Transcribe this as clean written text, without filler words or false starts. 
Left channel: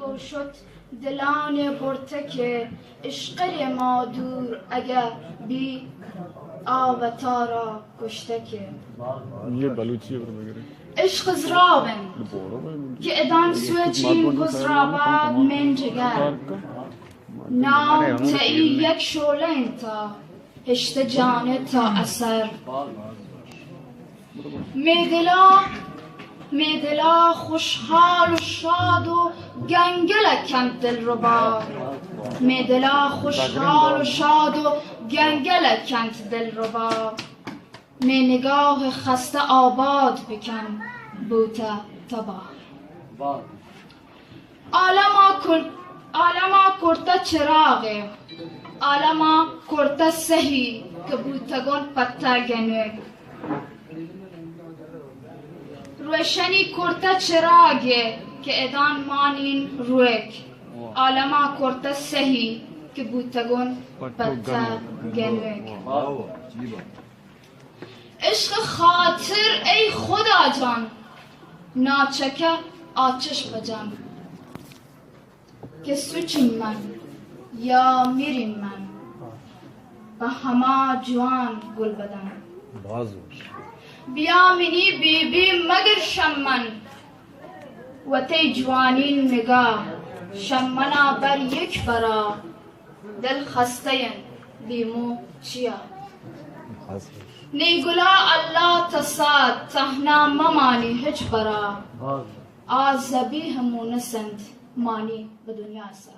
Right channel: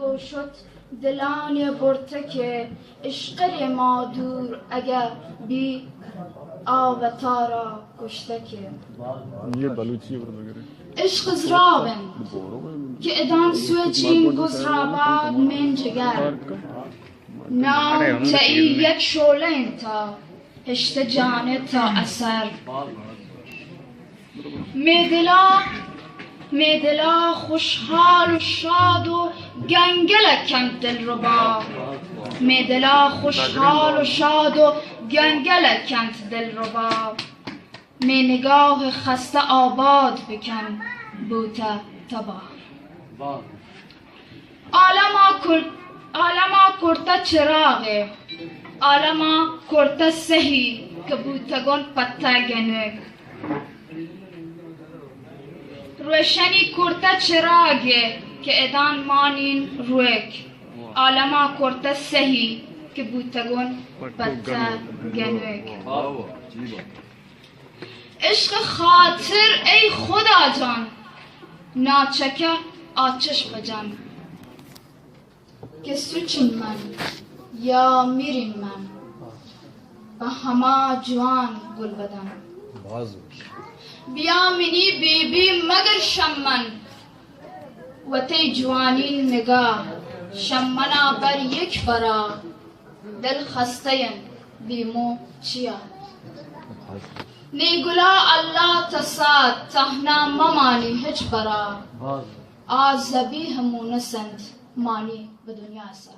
و شد دلان برتک عشق ما دور اگر بی آوتا را کشتک یه بلوچیه برو بگیره عشق زرابن که ادان سوی چین گزراباد من جگر نام تایی یک شعله انتا هشت جانه تا اثر میدلا خوشحال و شاد و گنگلکم دلربا میدلا خوشحال و شاد و گنگلکم دلربا می نگاه خسته آباد بکن بوتا تبا عالما کرتا چراغه عالما کرتا سهی که بوتگون پتا گنوگ روشنی کرتا چراغه که ادان مانین روک عالما کرتا سهی که بوتگون پتا گنوگ عشق خاطر ای خدا جان ناچکه آتش بجم که سوچین من یا میرین من به همه جوان گل بدم بیا منی بی بی مگر شمن و تی جوانین نگاه شمنا بر یک برا دل خستین بیمو چیا نیگلا الله تصاد تهنا ممانی هج برا آز زبیه مونسند مانی به دنیا سر